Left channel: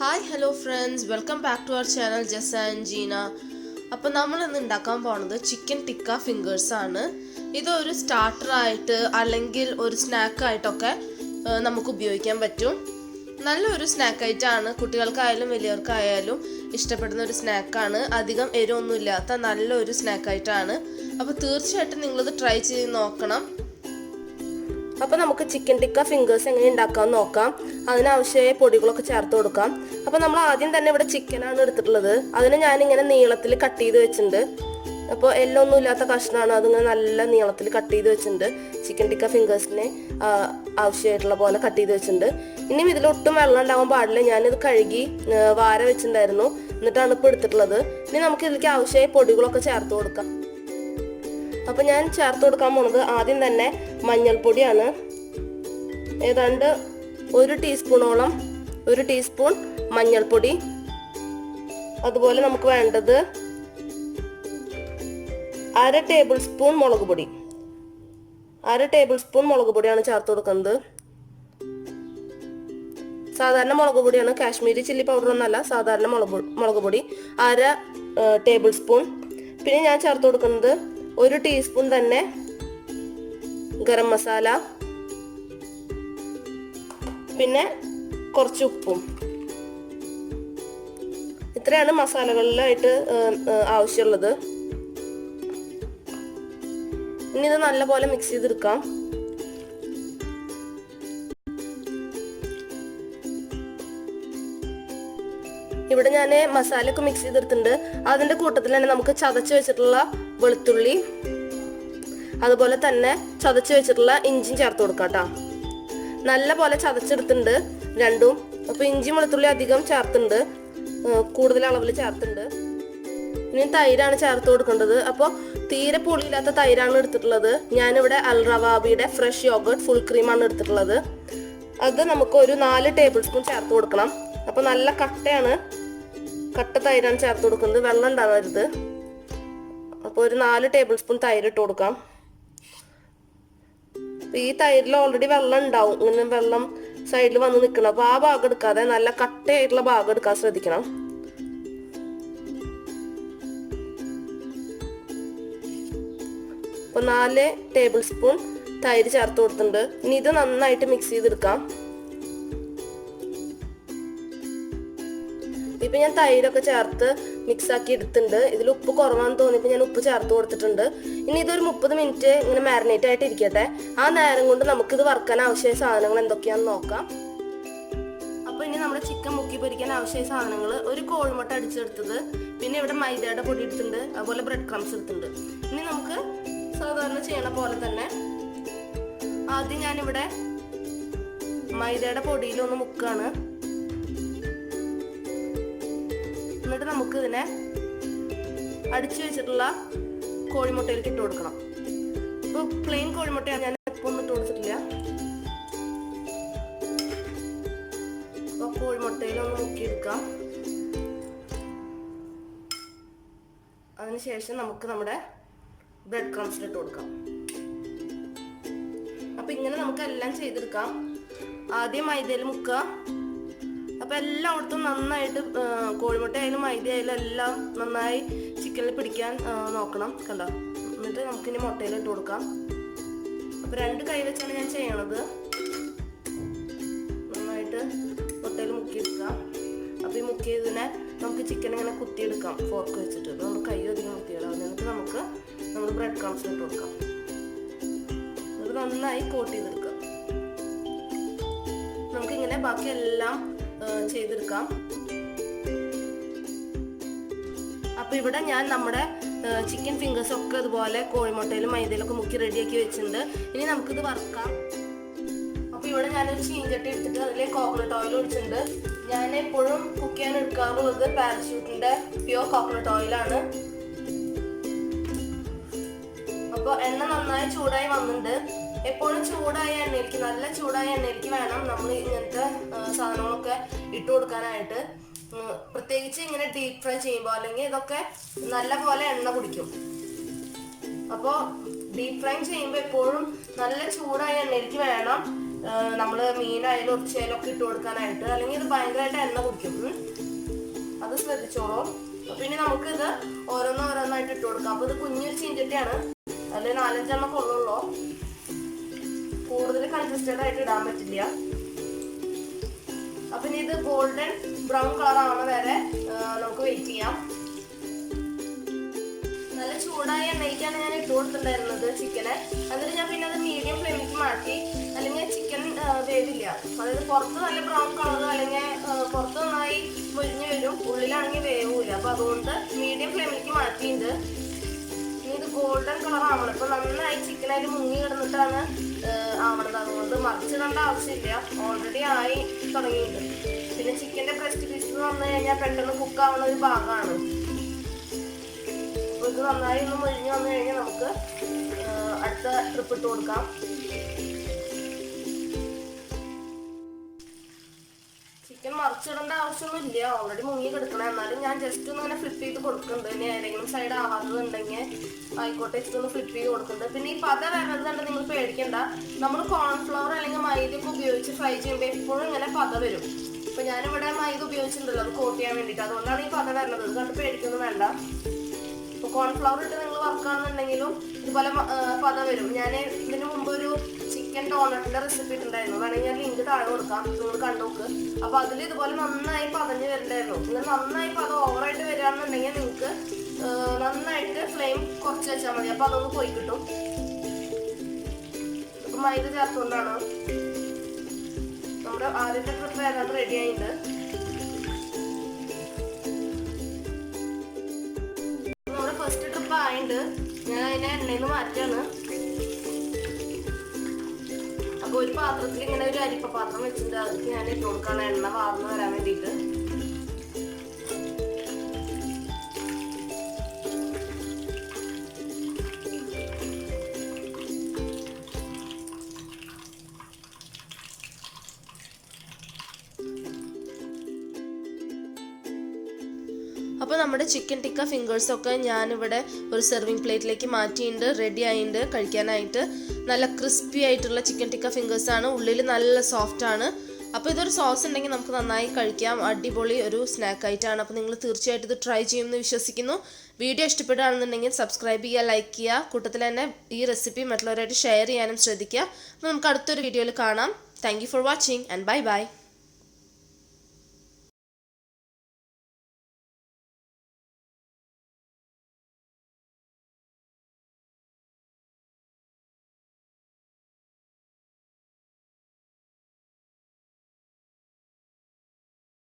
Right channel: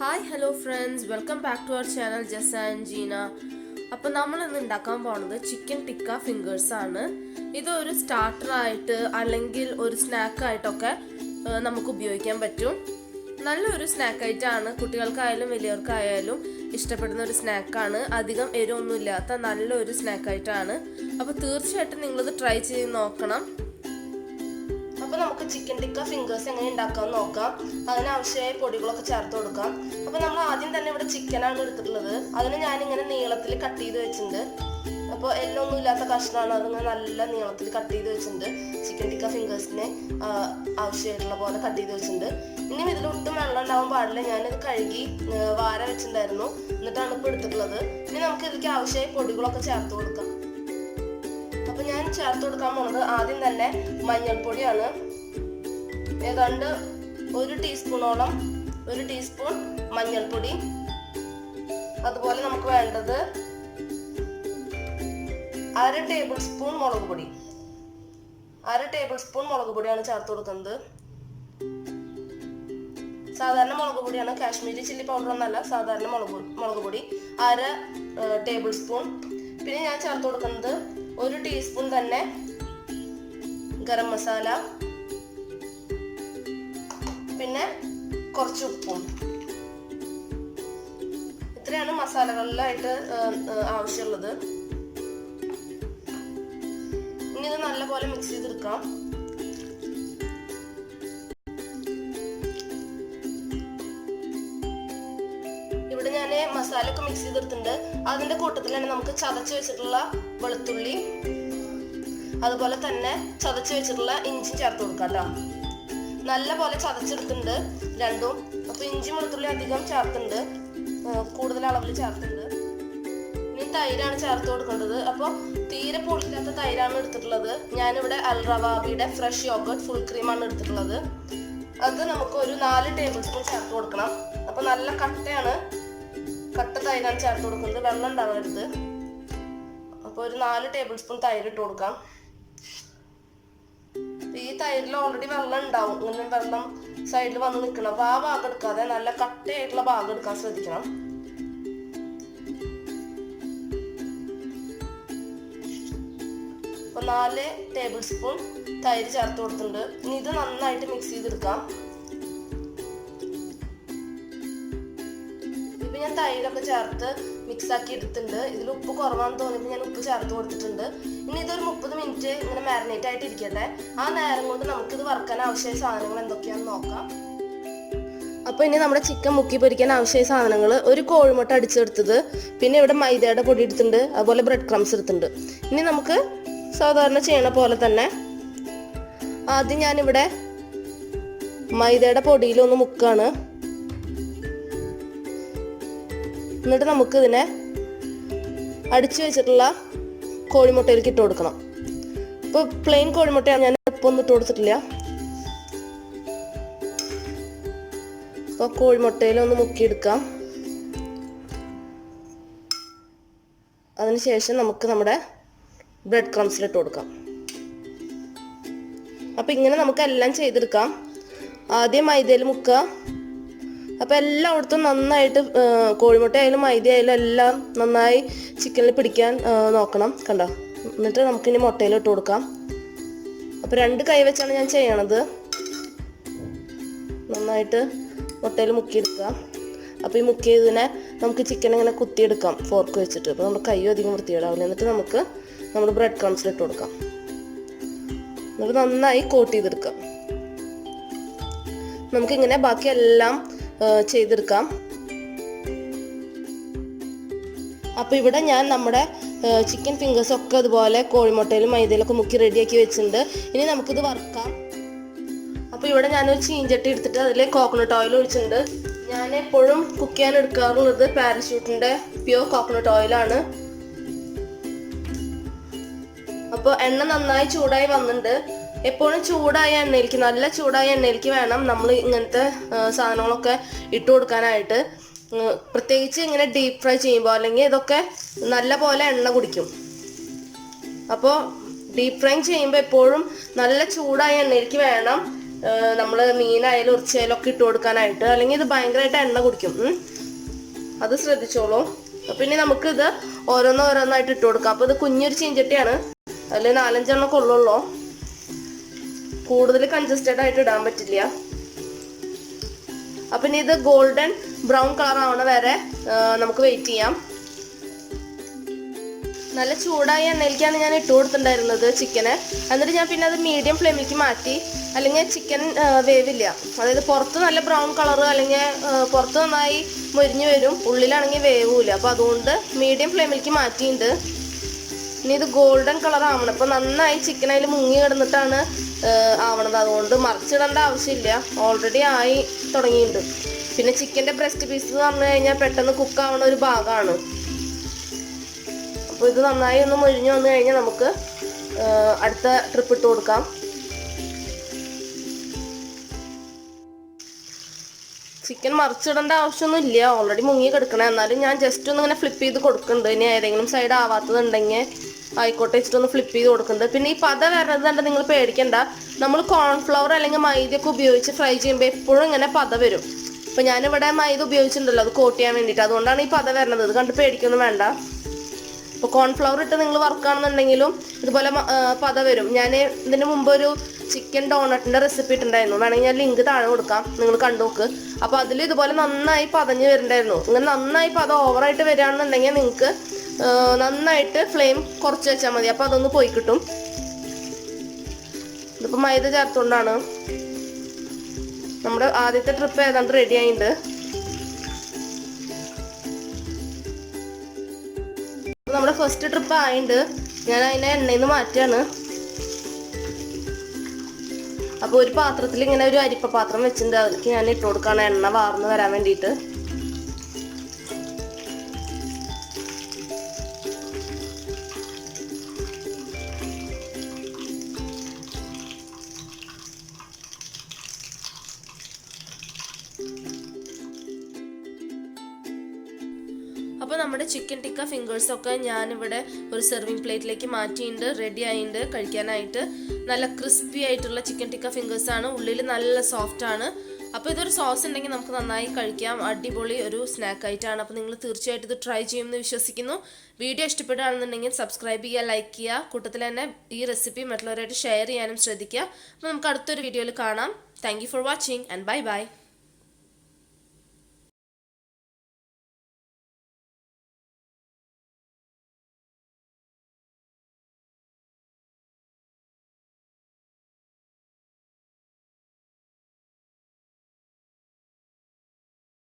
Hi hello friends, welcome back to our channel Jasa and Jeena. അപ്പോൾ നമ്മൾ ഇന്ന് ഉണ്ടാക്കാൻ പോകുന്നത് ചിക്കൻ ടിക്ക ഫിംഗേഴ്സ് ആണ്. ഇതൊരു സ്റ്റാർട്ടറായിട്ട് അല്ലെങ്കിൽ ഒരു സ്നാക്കായിട്ടൊക്കെ നമുക്ക് ഉപയോഗിക്കാൻ പറ്റും. നല്ലൊരു സ്നാക്ക് ആയിട്ടാണ്, കുട്ടികൾക്കായാലും വലിയവർക്കായാലും ഇഷ്ടപ്പെടുന്ന ഒരു സ്നാക്കാണ്. അധികം എരിവൊന്നും ഇല്ലാത്ത നല്ലൊരു സ്നാക്കായിട്ടാണ്. അപ്പോൾ തീർച്ചയായിട്ടും നിങ്ങളിത് ട്രൈ ചെയ്ത് നോക്കണം. അപ്പോൾ നമുക്ക് ചിക്കൻ ടിക്ക ഫിംഗേഴ്സ് എങ്ങനെ ഉണ്ടാക്കാമെന്ന് നോക്കാം. അതിനാവശ്യമായ പൊടികളൊക്കെ ചേർത്ത് കൊടുക്കാം. അപ്പോൾ നമ്മൾ ആദ്യം തന്നെ ഇവിടെ ചിക്കനാണ് എടുത്തിട്ടുള്ളത്. അതിന് ഞാനിങ്ങനെ നീളത്തിൽ കട്ട് ചെയ്ത് വെച്ചിട്ടുണ്ട്. അപ്പോൾ എല്ലൊന്നും ഇല്ലാത്ത കഷ്ണമാണ്, അതിങ്ങനെ നല്ല നീളത്തിൽ കട്ട് ചെയ്ത് വെച്ചിട്ടുണ്ട്. ചിക്കൻ ടിക്ക ഫിംഗേഴ്സിനെ ആവശ്യമായിട്ടുള്ള പോലെ കട്ട് ചെയ്ത് വെച്ചിട്ടുണ്ട്. ഇനിയും ഇതിലൊട്ടും വെള്ളം ഉണ്ടാവാൻ പാടില്ല. ഞാനിത് കഴുകി വാര വെച്ചിട്ടുണ്ടായിരുന്നു, എന്നിട്ടാണ് ഇപ്പോൾ എടുത്തിട്ടുള്ളത്. ഇനി നമുക്ക് ഇതിലേക്ക് ആവശ്യമായ പൊടികളൊക്കെ ചേർത്ത് കൊടുക്കാം. അപ്പോൾ ഞാൻ ചേർത്ത് കൊടുക്കാൻ പോകുന്നത് ആദ്യം തന്നെ മഞ്ഞൾപ്പൊടിയാണ്. ഏതാണ്ട് 1 ടീസ്പൂണോളം, 1 ടീസ്പൂൺ മഞ്ഞൾപ്പൊടി. അതുപോലെ നമുക്ക് വേണ്ടത് 1/2 ടേബിൾ സ്പൂൺ മുളക് പൊടി. 1/2 ടേബിൾ സ്പൂൺ മുളക് പൊടിയാണ് ചേർത്ത് കൊടുക്കുന്നത്. സാധാരണ മുളക് പൊടിയാണ്, കാശ്മീരി ചില്ലി പൗഡർ ഒന്നല്ല, സാധാരണ മുളക് പൊടി 1/2 ടേബിൾ സ്പൂൺ. പിന്നെ ഞാൻ ചേർത്ത് കൊടുക്കുന്നത് 1 ടീസ്പൂൺ തന്നെ ഗരം മസാല, പിന്നെ കുറച്ച് ഉപ്പും. ഇത്രയാണ് മസാലകളിലായിട്ട് ആവശ്യമുള്ളത്. ഇനി ഇത് നല്ലപോലെ മിക്സ് ചെയ്തെടുക്കാം. ഇവിടെ ഞാൻ മസാലയൊക്കെ മിക്സ് ചെയ്തെടുത്തിട്ടുണ്ട്. അതിന്റെ കൂട്ടത്തിൽ തന്നെ നമുക്ക് ചതച്ച് വെച്ചിട്ടുള്ള വെളുത്തുള്ളി, അതുപോലെ തന്നെ ചതച്ച് വെച്ചിട്ടുള്ള ഇഞ്ചിയും ചേർത്ത് കൊടുക്കാം കേട്ടോ. നല്ല പോലെ ചതച്ചെടുത്തിട്ടുണ്ട് രണ്ടും. അപ്പൊ ഇഞ്ചി വെളുത്തുള്ളി അധികം ചേർത്തിട്ടുണ്ട്, കൂടുതൽ അളവിൽ ചേർത്തിട്ടുണ്ട്. ഇനി തൈരാണ് ചേർത്ത് കൊടുക്കേണ്ടത്. അപ്പോൾ തീരെ പുളിയില്ലാത്ത തൈരാണ് എടുത്തിട്ടുള്ളത്. ഞാനിവിടെ അൽ റവാബിയുടെ ഫ്രഷ് യോഗർട്ട് ഫുൾ ക്രീമാണ് എടുത്തിട്ടുള്ളത്. അത് നമുക്ക് ഒരു 4 ടേബിൾ സ്പൂൺ ചേർത്ത് കൊടുക്കണം. അപ്പോൾ നല്ല കട്ടയാണ്, കട്ട തൈരാണ് ചേർത്ത് കൊടുക്കുന്നത്, വെള്ളം ഉണ്ടാവരുത്. അപ്പോൾ ഒരു 4 ടേബിൾ സ്പൂൺ തൈര് ഇട്ട് കൊടുക്കാം. ഈ തൈരിൽ ഓൾറെഡി വെള്ളം ഉണ്ടാവും, ഇങ്ങനെ വെള്ളം സൈഡിൽ വന്ന് നിൽക്കണം. അപ്പോൾ ആ ഭാഗം എടുക്കാതെ നല്ല കട്ടയായിട്ടുള്ള ഭാഗം എടുക്കാൻ ശ്രദ്ധിക്കണം. അപ്പോൾ 4 ടേബിൾ സ്പൂൺ തൈര് ചേർത്ത് കൊടുത്തിട്ടുണ്ട്. ഇനി ഇത് നന്നായിട്ട് മിക്സ് ചെയ്തെടുക്കാം. ഇപ്പം ഞാൻ തൈരൊക്കെ ചേർത്ത് മിക്സ് ആക്കി എടുത്തിട്ടുണ്ട്. ഇതിൽ ഉപ്പ് കുറവാണെന്ന് തോന്നിയപ്പോൾ ഞാൻ ഉപ്പ് ചേർത്ത് കൊടുത്തിട്ടുണ്ട്. ഇനി ഇതൊരു 30 മിനിറ്റ് ഇങ്ങനെ മാരിനേറ്റ് ആയിട്ട് ഇരിക്കട്ടെ. ആ നേരം കൊണ്ട് നമുക്കിത് വറുക്കാൻ ആവശ്യമായ സാധനങ്ങൾ എന്തൊക്കെയാണെന്ന് നോക്കാം. അപ്പോൾ ഇനി നമ്മുടെ ചിക്കൻ മുക്കി പൊരിക്കാൻ ആവശ്യമായ സാധനങ്ങൾ: ഒരു കോഴിമുട്ട അടിച്ചെടുത്തത്, പിന്നെ ഇവിടെ മൈദയുടെ പൊടി എടുത്തിട്ടുണ്ട്, അതുപോലെ ബ്രെഡ് ക്രംസ് എടുത്തിട്ടുണ്ട്. ഇനി നമുക്ക് സാധാരണ ചെയ്യണ പോലെ തന്നെ ആദ്യം ഞാനിവിടെ മൈദയുടെ പൊടിയിലൊന്ന് മുക്കാണ്. എന്നിട്ട് നമുക്ക് ഇതിനെ അടിച്ചു വെച്ചിട്ടുള്ള കോഴിമുട്ടയിലേക്ക് ഇട്ട് കൊടുക്കണം. ഇപ്പോൾ പ്ലെയിൻ കോഴിമുട്ടയാണ്, ഞാൻ ഇപ്പോൾ ഒന്നും ഇട്ട് കൊടുത്തിട്ടില്ല. അപ്പോൾ കോഴിമുട്ടയിലൊന്ന് മുക്കിയെടുക്കാം. അതിനുശേഷം നമുക്ക് നമ്മുടെ ബ്രെഡ് ക്രംസിലിട്ട് കൊടുക്കാം. അപ്പോൾ ഇങ്ങനെ നമുക്ക് എല്ലാം ചെയ്തെടുക്കാം. ആദ്യം മൈദയിൽ മുക്കുക. അപ്പോൾ എല്ലായിടത്തും നന്നായിട്ട് കോഴിമുട്ട ആയാലും മൈദ ആയാലും എല്ലാം നന്നായി ചിക്കനിൽ പിടിക്കാൻ നോക്കണം, കണ്ടോ. എന്നിട്ട് നമുക്കിനി മുട്ടയിൽ ഇട്ട് കൊടുക്കാം. അപ്പോൾ 2 കൈ വെച്ചാണ് ഞാൻ ചെയ്യണത്. നന്നായിട്ട് മുട്ടയിൽ മുക്കിയെടുക്കുക. അപ്പോൾ ഈ മുക്കിയതിനെ നമുക്ക് ചിക്കൻ ഇങ്ങനെ കുത്തിയെടുക്കാം ഫോർക്ക് വെച്ചിട്ട്. അപ്പോൾ നമ്മുടെ കൈ അധികം വൃത്തിയിടാവില്ല. എന്നിട്ട് നമുക്ക് നമ്മുടെ ബ്രെഡ് ക്രംസിൽ ഇട്ട് കൊടുക്കാം. നമുക്ക് നന്നായി കോട്ട് ചെയ്തെടുക്കാം. നമുക്കിങ്ങനെ ബാക്കി എല്ലാം ചെയ്തെടുക്കാം. അപ്പോൾ ഇവിടെ ഞാൻ നമ്മുടെ ചിക്കൻ ഫിംഗേഴ്സ് ഒക്കെ അതുപോലെ കോഴിമുട്ടയിലും മൈദയിലൊക്കെ മുക്കി റെഡിയാക്കി വെച്ചിട്ടുണ്ട്. ഇനി നമുക്കിത് വറുക്കാം. അപ്പോൾ ഇവിടെ ഞാനൊരു ചീഞ്ചട്ടി എടുത്തിട്ട് അതിൽ കോക്കനട്ട് ഓയിൽ ഒഴിച്ചിട്ടുണ്ട്. ഞാൻ എപ്പോഴും കുക്ക് ചെയ്യാൻ എടുക്കാറുള്ളത് പാരച്യൂട്ടിൻ്റെ പ്യൂർ കോക്കനട്ട് ഓയിലാണ്. അപ്പോൾ എണ്ണ നന്നായി ചൂടായി വന്നിട്ടുണ്ട്. എപ്പോഴും ചൂടായ എണ്ണയിലേക്ക്, നല്ല ചൂടായ എണ്ണയിലേക്ക് വേണം നമ്മൾ ഇങ്ങനത്തെ സാധനങ്ങളൊക്കെ ഇട്ട് കൊടുക്കാനായിട്ട്. പ്രത്യേകിച്ച് ഇങ്ങനെ ഡീപ്പ് ഫ്രൈ ചെയ്യുമ്പോൾ, അല്ലെങ്കിൽ ഇതൊക്കെ നല്ല പോലെ എണ്ണ കുടിക്കും. അപ്പോൾ ഡീപ്പ് ഫ്രൈ ചെയ്യുമ്പോൾ എപ്പോഴും നല്ല ചൂടായ എണ്ണയിലേക്ക് വേണം നമ്മൾ മീനായാലും ഇറച്ചിയായാലും ഒക്കെ ഇട്ട് കൊടുക്കാനായിട്ട്. അല്ലെങ്കിൽ ഇത് ഭയങ്കരമായിട്ട് എണ്ണ കുടിക്കും. അത് ശ്രദ്ധിച്ചോളൂ. പിന്നെ നമുക്കിത് ഓരോന്നോരോന്നായിട്ട് ഇട്ട് കൊടുക്കാം. അപ്പോൾ ഇത് കുഞ്ഞൊരു ചീഞ്ചട്ടിയാണ്, അതിൽ 4-5 കൊള്ളുള്ളൂ. കൂടുതൽ കൺജസ്റ്റഡ് ആയിട്ട് ഇടാൻ പറ്റില്ല. അപ്പം ഇനി ഇത് ഗോൾഡൻ ബ്രൗൺ കളർ ആവണ വരെ നമുക്ക് വെയിറ്റ് ചെയ്യാം. നല്ല ചൂടായ എണ്ണയിലേക്കാണ് ഞാൻ ഇട്ട് കൊടുത്തിട്ടുണ്ടായിരുന്നത് ചിക്കന്. എന്നിട്ട് ഞാൻ പിന്നെ അത് മീഡിയം ഫ്ലെയിമിലേക്ക് മാറ്റി. അല്ലെങ്കിൽ ചിക്കൻ വേവില്ല. അതായത് പുറത്ത് നല്ല ബ്രൗൺ കളർ, അല്ലെങ്കിൽ പുറത്ത് നന്നായി മൊരിഞ്ഞ് വരും, ഉള്ളിലാണെങ്കിൽ വേവൂല. അപ്പോൾ അതുകൊണ്ട് മീഡിയം ഫ്ലെയിമിലേക്ക് മാറ്റിയിട്ടുണ്ട്. ഇനി ഇത് ഗോൾഡൻ കളർ ആവണം. അപ്പോൾ നന്നായി ചിക്കൻ അതിൽ മുങ്ങി കിടന്നിട്ടാണ് ആവണത്. അതുകൊണ്ട് മറിച്ചിടേണ്ട ആവശ്യമില്ല, ഓൾറെഡി ആയി തുടങ്ങിയിട്ടുണ്ട്. പിന്നെ ചിക്കൻ്റെ ബ്രസ്റ്റ് പീസ് എന്ന് പറഞ്ഞു കഴിഞ്ഞാൽ പെട്ടെന്ന് കുക്കാവുന്ന ഒരു ഭാഗമാണ്. അപ്പോൾ ഇത് നന്നായി ഒന്ന് മൊരിഞ്ഞ് വന്നു കഴിഞ്ഞാൽ നമുക്ക് അടുത്ത ട്രിപ്പ് ഇട്ട് കൊടുക്കാം. ചിക്കൻ മറിച്ചിടേണ്ട ആവശ്യമൊന്നും ഇല്ല, ഓൾറെഡി മുങ്ങി കിടക്കണം. എന്നാലും ഞാൻ ജസ്റ്റ് ഒന്ന് ഇങ്ങനെ ഫ്ലിപ്പ് ചെയ്ത് കൊടുക്കുന്നുണ്ട്. ഇനി ഏതെങ്കിലും സൈഡ് ആവാത്തതുണ്ടെങ്കിൽ ആയിക്കോട്ടെ വെച്ചിട്ടൊന്ന് ഫ്ലിപ്പ് ചെയ്ത് കൊടുക്കുന്നുണ്ട്. പിന്നെ ഈ പത വരുന്നത് കണ്ട് നിങ്ങൾ പേടിക്കണ്ട. നമ്മൾ കോൺഫ്ലവർ അല്ലെങ്കിൽ മൈദയൊക്കെ ഉപയോഗിച്ച് ഫ്രൈ ചെയ്യുമ്പോൾ എപ്പോഴും ഇങ്ങനെ പത വരും. അപ്പോൾ ഞാനിവിടെ മൈദ ഉപയോഗിച്ചിട്ടുണ്ടല്ലോ അത് കോട്ട് ചെയ്യാൻ വേണ്ടിയിട്ട്, അതുകൊണ്ടാണ് ഈ പത വരുന്നത്. ഇത് കണ്ട് പേടിക്കൊന്നും വേണ്ട. ഇപ്പോൾ കോൺഫ്ലവർ ഇട്ട് നിങ്ങൾ വർക്കാണെന്നുണ്ടെങ്കിലും ഇതുപോലെ പത വരും. ഞാൻ ഇതിന് മുമ്പ് ഒരു ചിക്കൻ ഡോണറ്റിൻ്റെ റെസിപ്പി ഇട്ടുണ്ടായിരുന്നു, വേണമെങ്കിൽ ഞാൻ ലിങ്ക് താഴെ കൊടുക്കാം, നിങ്ങൾ കണ്ടു നോക്ക്. അപ്പോൾ അതിൽ ഇതുപോലെ നന്നായി പതഞ്ഞ് വരുന്നുണ്ടായിരുന്നു. ഇങ്ങനെ നന്നായി പത ഓവറായിട്ട് വരികയാണെന്നുണ്ടെങ്കിൽ നിങ്ങൾക്ക് നന്നായിട്ട് ഫ്ലെയിം കുറച്ച് വെച്ചാൽ മതി. അപ്പോൾ അതൊന്ന് പോയി കിട്ടും. ഇതിപ്പോൾ മൈദ ചേർത്തുകൊണ്ടാണ്. നമ്മുടെ ആദ്യത്തെ ട്രിപ്പ് ഏതാണ്ട് റെഡി ആയിട്ടുണ്ട്. നമ്മുടെ ഫസ്റ്റ് ട്രിപ്പ് ആയിട്ടുണ്ട്. ഞാൻ അതിനെ എണ്ണയിൽ നിന്ന് മാറ്റുകയാണ്. അപ്പോൾ ഒരു പാത്രത്തിൽ ഇങ്ങനെ ഒരു അരിപ്പ പാത്രം വെച്ചിട്ടുണ്ട്, അതിലേക്ക് ഞാൻ ഇട്ട് കൊടുക്കുകയാണ് എണ്ണ വാർന്ന് വരാൻ വേണ്ടിയിട്ട്. അപ്പോൾ നമ്മുടെ ചിക്കൻ ടിക്ക ഫിംഗേഴ്സൊക്കെ ഞാനിവിടെ ഒരു സെർവിങ് പ്ലേറ്റിലേക്ക് മാറ്റിയിട്ടുണ്ട്, റെഡി ആയിട്ടുണ്ട് കഴിക്കാനായിട്ട്. നല്ല ക്രിസ്പി ആയിട്ടുള്ള ചിക്കൻ ടിക്ക ഫിംഗേഴ്സാണ്, ഉള്ളിൽ നല്ല സോഫ്റ്റാണ്. അപ്പോൾ ഇതൊരു സോസ് ഉണ്ടെങ്കിൽ നമുക്ക് നന്നായി കഴിക്കാം. അടിപൊളി ഒരു സ്നാക്ക് ആയിട്ടാണ്. അപ്പോൾ നിങ്ങൾ തീർച്ചയായിട്ടും ഇത് ട്രൈ ചെയ്യുമെന്ന് വിശ്വസിക്കുന്നു. വീഡിയോ ഇഷ്ടപ്പെടുകയാണെന്നുണ്ടെങ്കിൽ സബ്സ്ക്രൈബ് ചെയ്യുക, ലൈക്ക് ചെയ്യുക. കൂട്ടത്തിൽ തന്നെ ഈ റെസിപ്പി മറ്റുള്ളവരായിട്ട് ഷെയർ ചെയ്യാനും ശ്രദ്ധിക്കുക. അപ്പോൾ നമുക്ക് അടുത്തൊരു വീഡിയോയിൽ കാണാം. Thank you for watching and bye bye.